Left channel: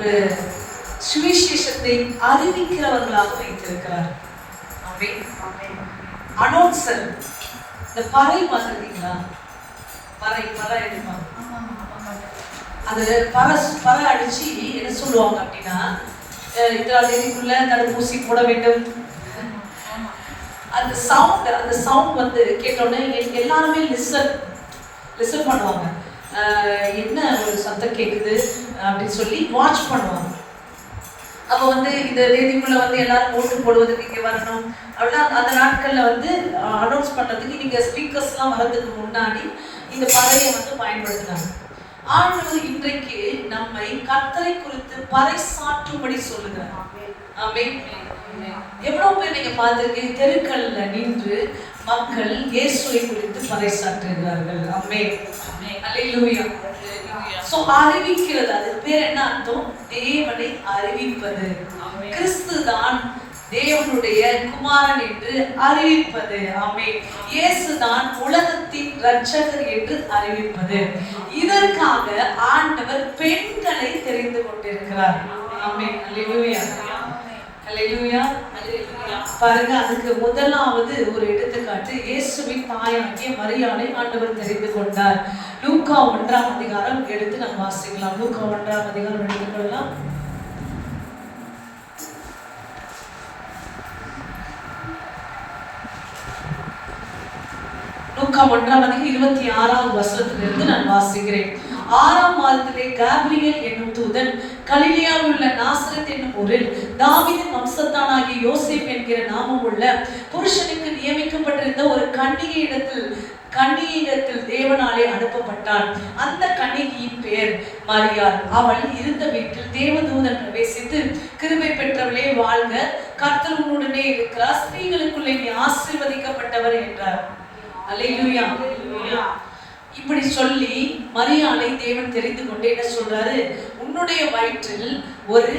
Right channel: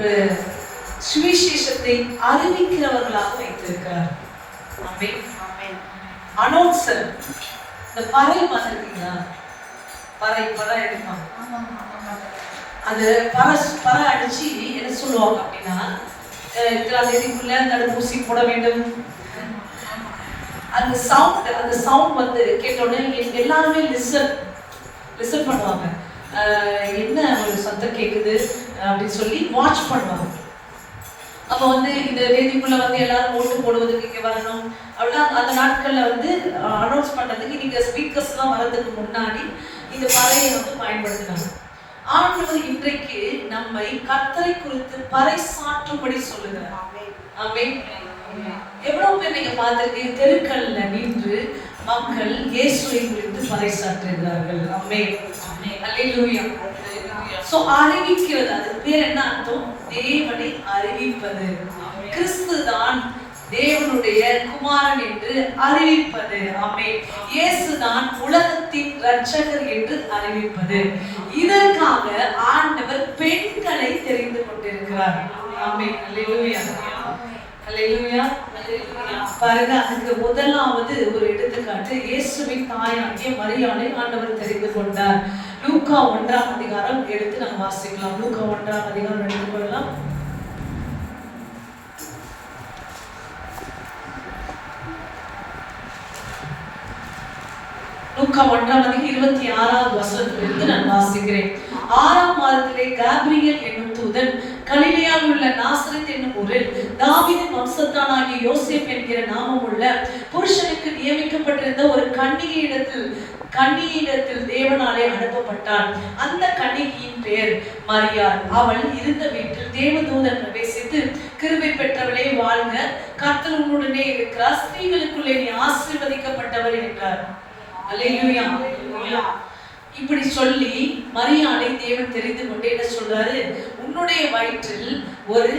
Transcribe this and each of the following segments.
ஒரு சுவிசேஷத்தை அறிவிக்கிறவர்களாக வைத்திருக்கிறார். அனௌன்சர். இந்த பறை பார்த்துருக்கீங்களா? பறை எடுப்பாங்க. அது பறை அடிச்சு என்ன சொல்லுவாங்க அப்படின்னா, இத்தனை தேதிக்குள்ள தடுப்பூசி போட வேண்டும். அந்த சவுண்ட் வந்து கேட்டோடனே எல்லாருமே லிசன் பண்ணுவாங்க. என்ன ஒரு சத்தம் கேட்குது அப்படின்னு சொல்லி வாட்ச் பண்ணுவாங்க. அப்போ வந்து இந்த தேதிக்குள்ள வந்து எல்லாரும் ஓட்டு போடுவதற்கு இங்கே வரணும் அப்படின்னா அந்த நாட்களில் வந்து அனௌன்ஸ் பண்ணுறதுக்கு நீங்கள் ஸ்பீக்கர்ஸ்லாம் வர்றதுக்கு முன்னாடி இந்த பறையை வந்து பயன்படுத்தினாங்க. ஆண்டவர் இன்றைக்கு நம்மை கர்த்தரை குறித்து பறைசாற்றும்படி சொல்லுகிறார். ஆமென். எவ்வளவு பேர் நீங்க பார்த்திருக்கீங்க, தெருக்கல்ல நின்று மக்கள் இயேசுவை குறித்து பறைசாற்றுகிறார்கள். ஆமென். அல்லேலூயா. சோ அறிவிக்கிறது, அது பேர் என்ன அர்த்தம்? தேவனை அறிவிப்பது. கிறிஸ்து தான் தேவனுடைய குமாரன் என்று அறிவிப்பது. ஆமென். இயேசு தான் உலகத்தின் இரட்சகர் என்று அறிவிப்பது. இதற்காக ஆண்டவர் பெண்களை தெரிந்து கொண்டிருக்கிறார். ஆமென். அல்லேலூயா. அல்லேலூயா. பாருங்க, அதுக்கு முதலாவது ஒரு எடுத்துக்காட்டு இயேசுவின் தாயாகிய மரியாளை ஆண்டவர் தெரிந்து கொண்டார். லூக்கா 1ஆம் அதிகாரம் எடுத்து நம்ம வாசிக்கலாம். லூக்கா 1ஆம் அதிகாரம் எடுத்துக்கலாம். லூக்கா 1ஆம் அதிகாரம் 26வது வசனத்திலிருந்து நான் வாசிக்கிறேன். 6ஆம் மாதத்திலே காபிரியல் என்னும் தூதன் கலிலேயாவில் உள்ள நாசரேத் என்னும் ஊரில் தாவீதின் வம்சத்தானாகிய யோசேப் என்கிற நாமமுள்ள புருஷனுக்கு நியமிக்கப்பட்டிருந்த ஒரு கன்னிகையிடத்தில் தேவனாலே அனுப்பப்பட்டான். அந்த கன்னிகையின் பெயர் மரியாள். அவள் இருந்த வீட்டில் தேவதூதன் பிரவேசித்து, கிருபை பெற்றவளே வாழ்க, கர்த்தர் உன்னுடனே இருக்கிறார், ஸ்திரீகளுக்குள்ளே நீ ஆசீர்வதிக்கப்பட்டவர் என்றார். அல்லேலூயா. இப்படி சொல்லி மரியாளை தேவன் தெரிந்து கொண்டு என்ன சொல்றாரு? உன்னுடைய வயிற்றில் ஒரு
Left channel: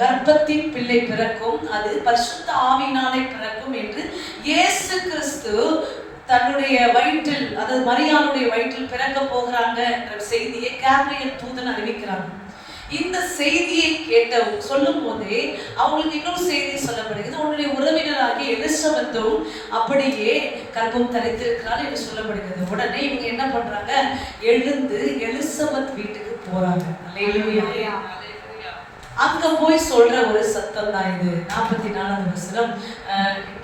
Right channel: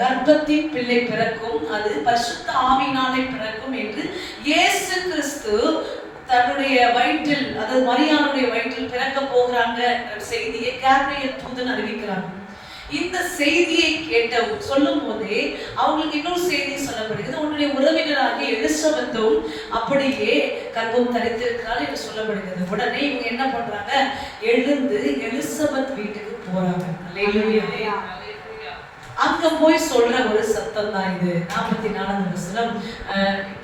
கர்ப்பத்தின் பிள்ளை பிறக்கும், அது பரிசுத்த ஆவியினாலே பிறக்கும் என்று இயேசு கிறிஸ்து தன்னுடைய வயிற்றில், அதாவது மரியாளுடைய வயிற்றில் பிறக்க போகிறாங்க என்ற செய்தியை கேப்ரியல் தூதன் அறிவிக்கிறாங்க. இந்த செய்தியை சொல்லும் போதே அவங்களுக்கு இன்னொரு செய்தி சொல்லப்படுகிறது. உன்னுடைய உறவினராகிய எலிசபெத்தும் அப்படியே கர்ப்பம் தரித்திருக்கிறாள் என்று சொல்லப்படுகிறது. உடனே இவங்க என்ன பண்றாங்க? எழுந்து எலிசபெத் வீட்டுக்கு போறாங்க. அல்லேலூயா. அங்க போய் சொல்ற ஒரு சத்தம் தான் இது. 44வது வசனம்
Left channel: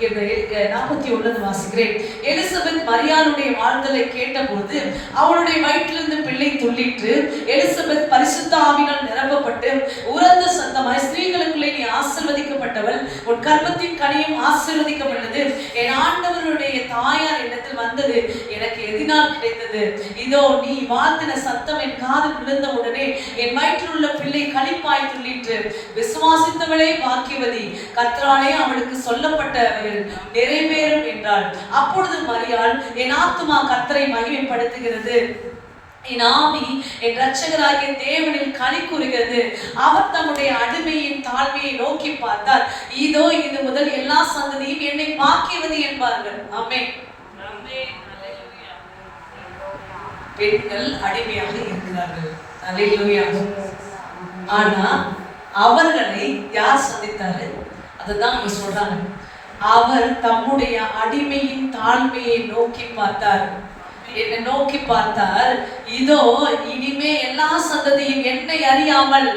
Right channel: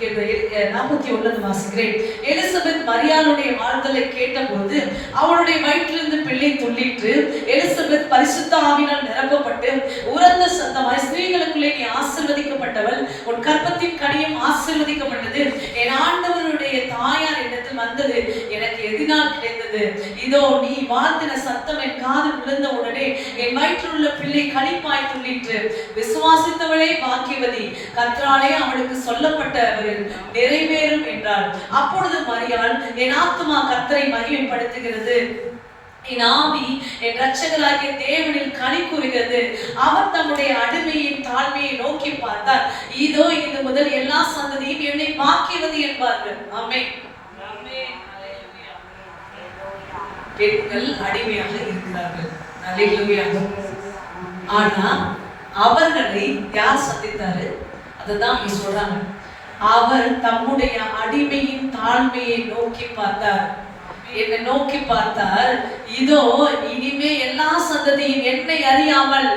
41 வாசிக்கிறேன். எலிசபெத் மரியாளுடைய வாழ்தலை கேட்டபோது அவளுடைய வயிற்றிலிருந்து பிள்ளை துள்ளிற்று. எலிசபெத் பரிசுத்த ஆவியினால் நிரப்பப்பட்டு உரத்த சத்தமாய், ஸ்திரீகளுக்குள்ளே நீ ஆசீர்வதிக்கப்பட்டவள், உன் கர்ப்பத்தின் கனியும் ஆசீர்வதிக்கப்பட்டது, என் ஆண்டவருடைய தாயார் இடத்தில் வந்தது எனக்கு எதினால் கிடைத்தது. இதோ நீ வாழ்த்தின சத்தம் என் காதில் விழுந்த உடனே என் வயிற்றில் உள்ள பிள்ளை களிப்பாய் துள்ளிற்று. விசுவாசித்தவளே பாக்கியவதி, கர்த்தராலே அவளுக்கு சொல்லப்பட்டவர்கள் நிறைவேறும் என்றாள். அப்பொழுது மரியாள், என் ஆத்துமா கர்த்தரை மகிமைப்படுத்துகிறது, என் ஆவி என் இரட்சகராகிய தேவனில் களி கூறுகிறது. அவர் தம்முடைய அடிமையின் தாழ்மையை நோக்கி பார்த்தார். இதோ இது முதல் எல்லா சந்ததியும் என்னை பாக்கியவதி என்பார்கள். ஆமென். பெண்கள் அடிமையாக இருக்கிறார்கள். அல்லேலூயா. ஆனா அவர்களை யார் சந்தித்தாரு? அதுதான் அவங்க சொல்றாங்க. அவர் தம்முடைய அடிமையின் தாழ்மையை நோக்கி பார்த்தார். என்னை நோக்கி பார்த்தார். இதோ இனிமே எல்லா சந்ததியும் என்னை அறியாமல்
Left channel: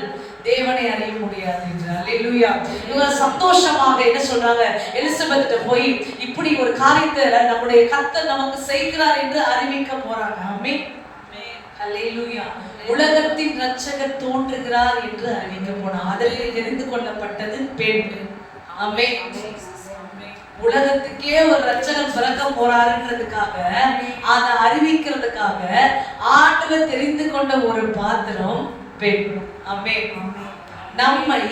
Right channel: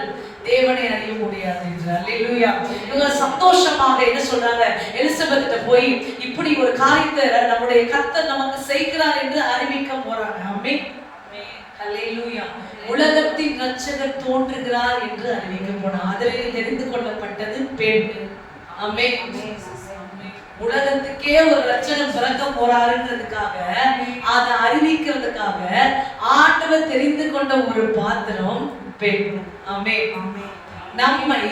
தேவனை அறிய முடியாது என்றார். அல்லேலூயா. இவங்க சந்தோஷமாக என்ன சொல்றாங்க? எலிசபெத் போய் இப்படி ஒரு காரியத்தை நம்முடைய கர்த்தர் நமக்கு செய்கிறார் என்று அறிவிக்க போறாங்க. ஆமென். அல்லேலூயா. உலகத்தின் இரட்சகர் தோன்றுகிறார் என்று அறிவிக்க போனார். அதில் தெரிந்து கொள்ளப்பட்டது பெண். ஆமென். உலகத்துக்கே ஒரு இரட்சகர் பிறக்க போறாருன்றதுக்காக, அதை அறிவிக்கிறதுக்காக ஆண்டவர் தெரிந்து கொண்ட ஒரு பாத்திரம் பெண். ஆமென். நம்மை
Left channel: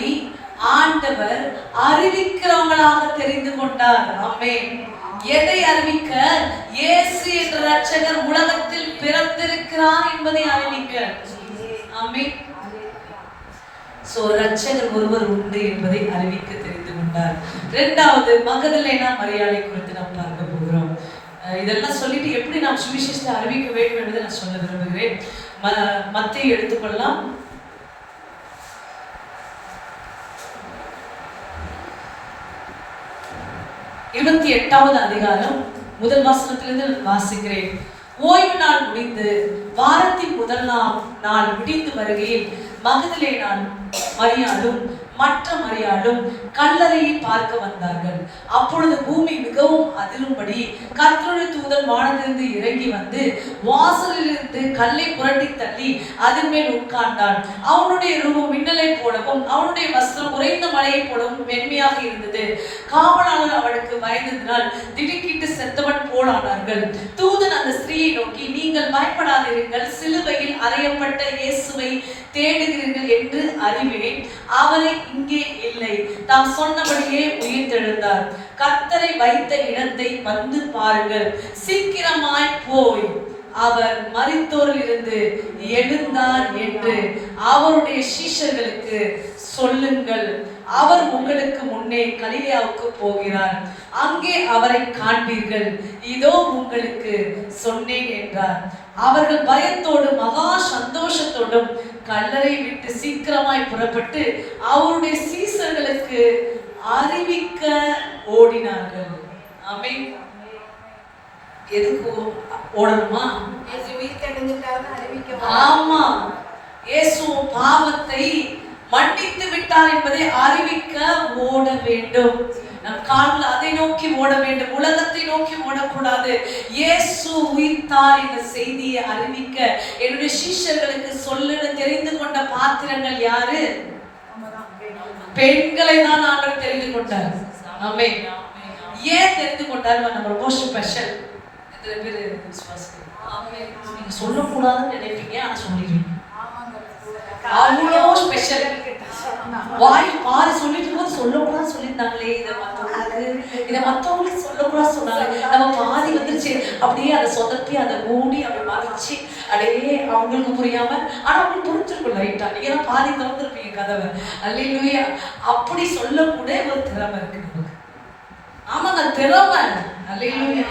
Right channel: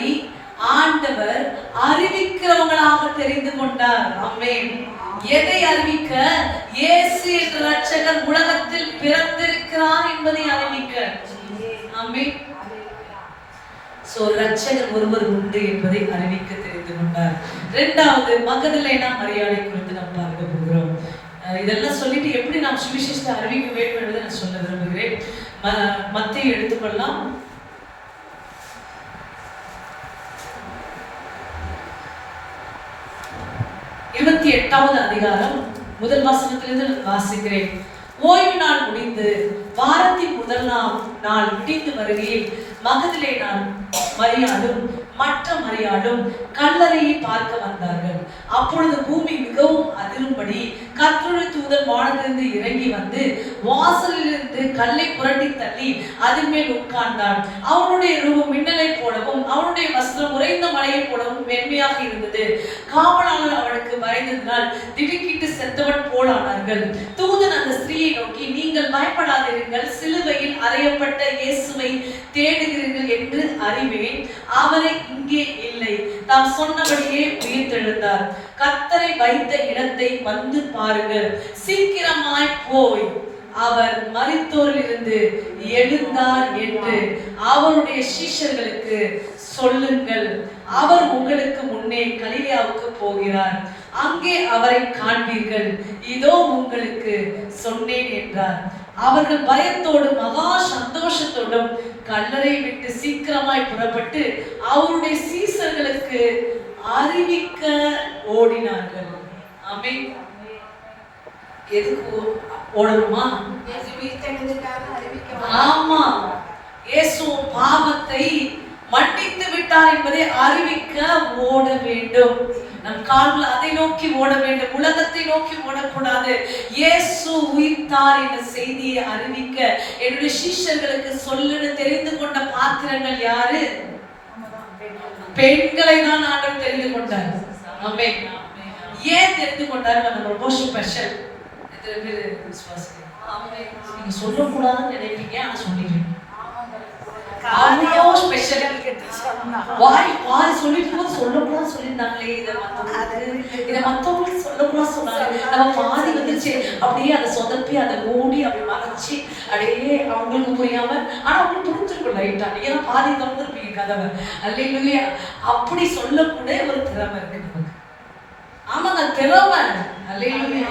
ஆண்டவர் அறிவிக்கிறவங்களாக தெரிந்து கொண்டார். ஆமென். எதை அறிவிக்க? இயேசு என்ற இரட்சகர் உலகத்தில் பிறந்திருக்கிறார் என்பதை அறிவிக்க. ஆமென். சோ இரட்சகர் ஒருவர் உண்டு என்பதை அறிவிக்க தெரிந்து கொண்டார். இரண்டாவது, மகதலேனா மரியாளை குறித்து நாம் பார்க்க போகிறோம். இதெல்லாம் சொல்லிட்டு எப்படி நாம் சுவிசேஷத்தை அறிவிக்க வேண்டும் என்பதை நான் சொல்ல விரும்புகிறேன். மத்தேயு எடுத்துக்கொள்ளலாம். 28வது அதிகாரம் முதல் வசனத்திலிருந்து வாசிக்கிறேன். ஓய்வு நாள் முடிந்து வாரத்தின் முதல் நாள் முடிந்து வருகையில் மகதலே மரியாளும் மற்ற மரியாளும் கல்லறையை பார்க்க வந்தார்கள். அப்பொழுது பூமி மிகவும் அதிரும்படி கர்த்தருடைய தூதன் வானத்திலிருந்து இறங்கி வந்து வாசலிலிருந்து கல்லை புரட்டி தள்ளி அதன் மேல் உட்கார்ந்தார். அவனுடைய ரூபம் மின்னலை போலவும் அவனுடைய வஸ்திரம் உறைந்த மலையை போலவும் மென்மையாக இருந்தது. காவலாளர் அவனுக்கு பயந்ததினால் திடுக்கிட்டு செத்தவன் போலானார்கள். தூதன் அந்த ஸ்திரீயை நோக்கி, நீங்கள் பயப்படாதிருங்கள், சிலுவையில் அறையப்பட்ட இயேசுவை தேடுகிறீர்கள் என்று அறிவேன். அவரை இங்கே இல்லை, தாம் சொன்னபடியே உயிர்த்தெழுந்தார். கர்த்தரை வைத்த இடத்தை வந்து பாருங்கள், சீக்கிரமாய் போய் அவர் மரித்தோரில் இருந்து எழுந்தார் என்று அவருடைய சீஷர்களுக்கு சொல்லுங்கள். அவர் உங்களுக்கு முன்னே கலிலேயாவுக்கு போகிறார், அங்கே அவரை காண்பீர்கள். இதோ உங்களுக்கு சொன்னேன் என்றார். அவர்கள் பயத்தோடு மகா சந்தோஷத்தோடும் கல்லறை விட்டு சீக்கிரமாய் புறப்பட்டு அவருடைய சீசர்களுக்கு அறிவிக்க ஓடினார்கள். ஆமென். எதுக்கு ஓடணுமா? ஆமா, இயேசு பாவத்தை மன்னித்து விட்டார் என்பதை அறிவிக்க ஓட வேண்டும். நம் கால்கள் அதை நோக்கி ஓட வேண்டும், உலகத்தை நோக்கி ஓடக்கூடாது. இயேசு உயிர்த்தார் என்ற செய்தியை அறிவிக்க என்னுடைய சீஷர்களுக்கு சொல்ல தெரிந்து கொண்ட பாத்திரங்கள் யாரு? பெண்களை தான் ஆண்டவர் தெரிந்து கொண்டார். ஆமென். ஏன் தெரிந்து கொண்டார்? நம்ம ரொம்ப ஸ்பெஷல். எத்தனை பேர் விசுவாசிக்கிறீங்க? ஆமென். நீங்க சொல்லக்கூடாதுன்னு நினைப்பீங்க, ஆனா சொல்லிடுவீங்க. அவ்வளோ ஸ்பெஷல். வாய் பாதி சொல்லிட்டு போது சொல்லக்கூடாது சொல்லியிருந்தாங்களே, இதை மற்றவங்களுக்கு சொல்லக்கூடாது சொன்னாங்க. நம்ம பாதி வந்துச்சு, அப்படியே அதை சொதப்பி அதை மூடி அப்படி மறைச்சு அப்படியே அவங்களுக்கு புரியாம, ஆனா அவங்களுக்கு புரிஞ்சிருக்கும் லைட்டா. நீங்க பாதி திறந்துருப்பீங்க கதவை. அல்லேலூயா. அப்படி சொல்லக்கூட ஒரு திறமை இருக்கு நமக்கு. ஆமாங்க, திறமை. அல்லேலூயா.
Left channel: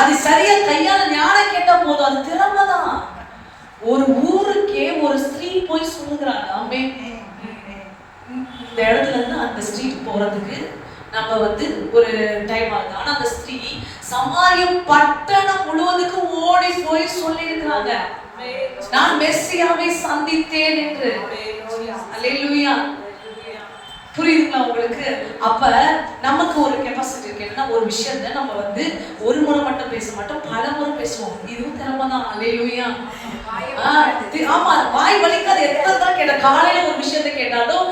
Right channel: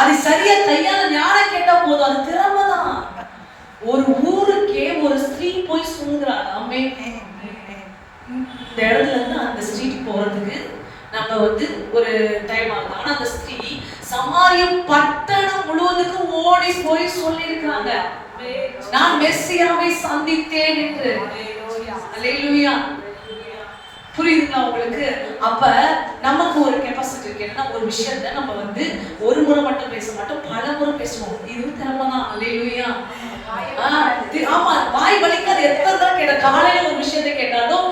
அது சரியா கையால ஞானம் கேட்டா போதும், அது திறமை தான். ஒரு ஊருக்கே ஒரு ஸ்திரீ போய் சொல்லுகிறாள். ஆமே, இந்த இடத்துல இருந்து அந்த ஸ்ட்ரீட் போறதுக்கு நம்ம ஒரு டைம் ஆகுது. ஆனா அந்த ஸ்திரீ சமாரியம் பட்டணம் முழுவதுக்கு ஓடி போய் சொல்லி இருக்கிறாங்க, நான் மெஸ்ஸியாவை சந்தித்தேன் என்று. அல்லேலூயா. புரியுதுங்களா உங்களுக்கு? அப்ப நமக்கு ஒரு கெப்பாசிட்டி இருக்கு. என்ன ஒரு விஷயத்த நம்ம ஒரு முறை மட்டும் பேச மாட்டோம், பல முறை பேசுவோம். இதுவும் திறமை தான். அல்லேலூயா. ஆமா, வாய் வலிக்காது. எத்தனை கேட்ட காலையில ஒரு விஷயத்தை கேட்டாலும்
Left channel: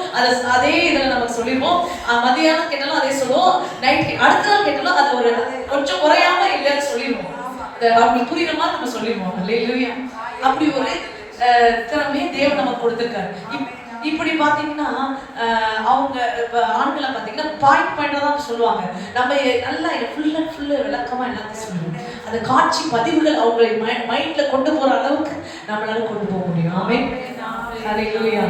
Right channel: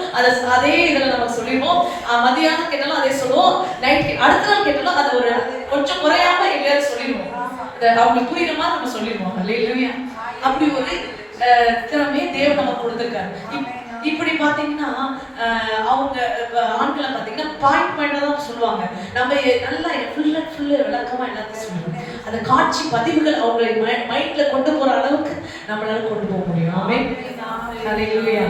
அதே இதுல நம்ம சொல்லிடுவோம். மதியானம் கேட்டாலும் அதே சொல்லுவோம். நைட் அடுத்த நாள் கேட்டாலும் அது ஒரு கொஞ்சம் குறையாம இல்லையா சொல்லிடுவோம். அவங்களுக்கு புரியுற மாதிரி நம்ம சொல்லிடுவோம். அல்லேலூயா. அப்படி ஒரு திறமையை தேவன் நமக்கு கொடுத்திருக்காரு. இப்படி பாத்தீங்கன்னா அவங்க ஆண்களை பாத்தீங்கன்னா பாயிண்ட் தான் சொல்லுவாங்க. நம்ம நல்லா ஃபுல்லா விளக்கமா எல்லாத்தையும் சொல்லுவோம். அந்த காட்சி பதிவுகள் அவங்களை மைண்ட்ல கொண்டு போற அளவுக்கு நம்மளால கொண்டு போக முடியும். ஆமென். ஹல்லேலூயா.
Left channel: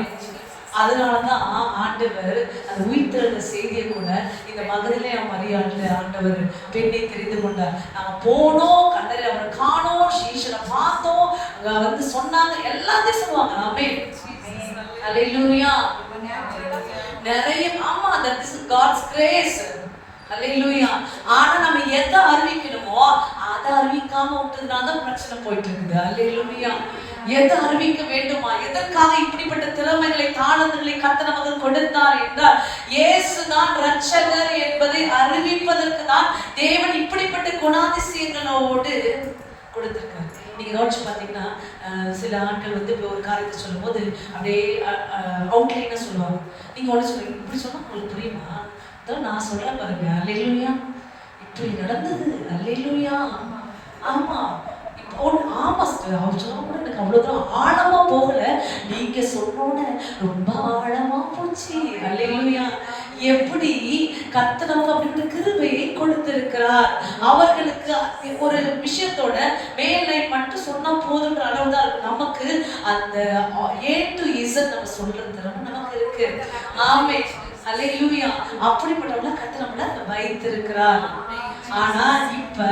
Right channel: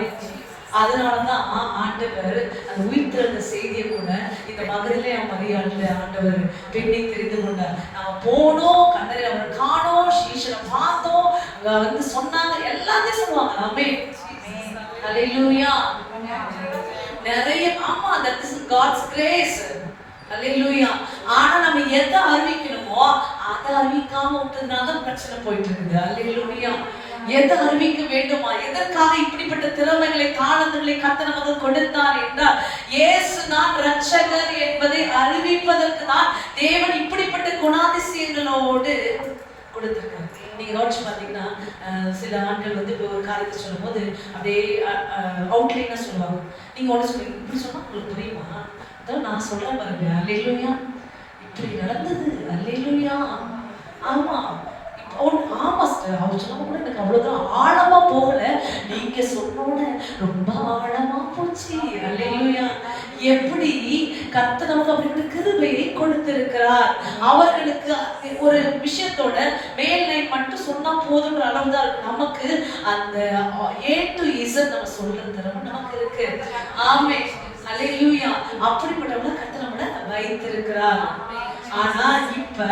அதனாலதான் ஆண்டவர் அந்த உயிர்த்தெழுந்த செய்தியை கூட இந்த மகதிலே மரியாதை ஆண்டவர் பெண்ணை தெரிந்து கொண்டார். நாங்க போனோம், கண்டரை அவர் காணோம், சீஷரை பார்த்தோம், சொன்னாங்க, எல்லாத்தையும் சொல்லுவாங்க. ஆமென். ஹல்லேலூயா. நிறைய ஆமா, that is God's grace. ஹல்லேலூயா. ஆனா நம்ம எதை அறிவிக்கணுமோ அதை அறிவிக்காம விட்டதுனால தான் பிரச்சனை போயிட்டு இருக்குது. ஹல்லேலூயா. எதை அறிவிக்க வேண்டுமா? எதற்காக இப்படிப்பட்ட திறமைகளை தாளங்களை கர்த்தர் நமக்கு கொடுத்தார் என்றால் இயேசு தான் இரட்சகர் என்பதை அறிவிப்பதற்கு தான் தேவன் இப்படிப்பட்ட குணாதிசயங்களோடு கொடுத்திருக்காரு. நீங்க யோசிச்சு பாத்தீங்கன்னா சில ஆட்கள் இப்போ ஒரு காரியத்தை சொல்லும் போது அப்படியே அவுட்லைனா சொல்லுவாங்க. நீங்க ஒன்று சொல்லுங்க, இப்படி சொன்னா உங்களுக்கு புரியுமா? அதான் நான் சொல்றேன் பாருங்க. அல்லேலூயா. இப்படி நடந்தது. அல்லேலூயா. ஆமா, ஆமா சார், அவர் சொன்னா கூட எனக்கு அவ்வளவுதான் ஆழமா போகல, நீங்க சொன்னோட ரொம்ப ஆழமா போச்சு. அல்லேலூயா. எப்படி கர்த்தர் நமக்கு அப்படி கிருபையை கொடுத்திருக்கிறார். அவர்களுக்கு ஒரு விஷயத்தோட மேல்நிலை மட்டும் சொன்னா போதுன்ற அளவுதான் நமக்கு அந்த A to Z நம்ம சொல்ற திறமை நமக்கு இருக்கு. ஆமென். அல்லேலூயா. அப்படிப்பட்டவங்கள கர்த்தர் நம்மள வைத்திருக்கிறார். ஆனா இப்ப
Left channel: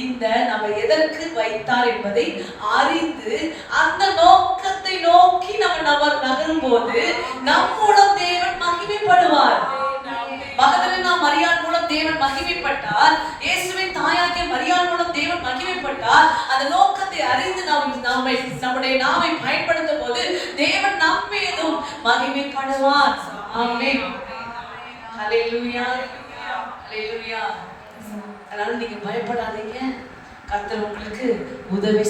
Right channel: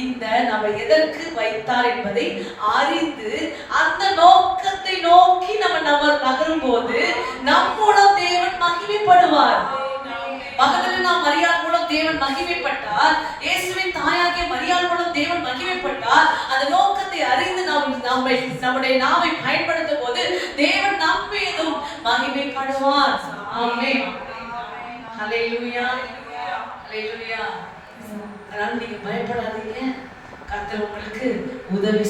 இந்த நம்ம எதற்கு வைத்தார் என்பதை அறிந்து அந்த நோக்கத்தை நோக்கி நம்ம நகரும் போது நம்மோட தேவன் மகிமைப்படுவார். மகதலேனா மரியாள் மகிமைப்பட்டால், இயேசுவின் தாயாகிய மரியாள் மூலம் தேவன் மகிமைப்பட்டால், அந்த நோக்கத்தை அறிந்து நம்முடைய நாவை பயன்படுத்தும் போது தேவன் நம்மீதும் மகிமைப்படுவார். ஆமென். ஹல்லேலூயா. ஹல்லேலூயா. அதனால நீங்க பயப்படாதீங்க. கர்த்தர் உங்களுக்கு உதவி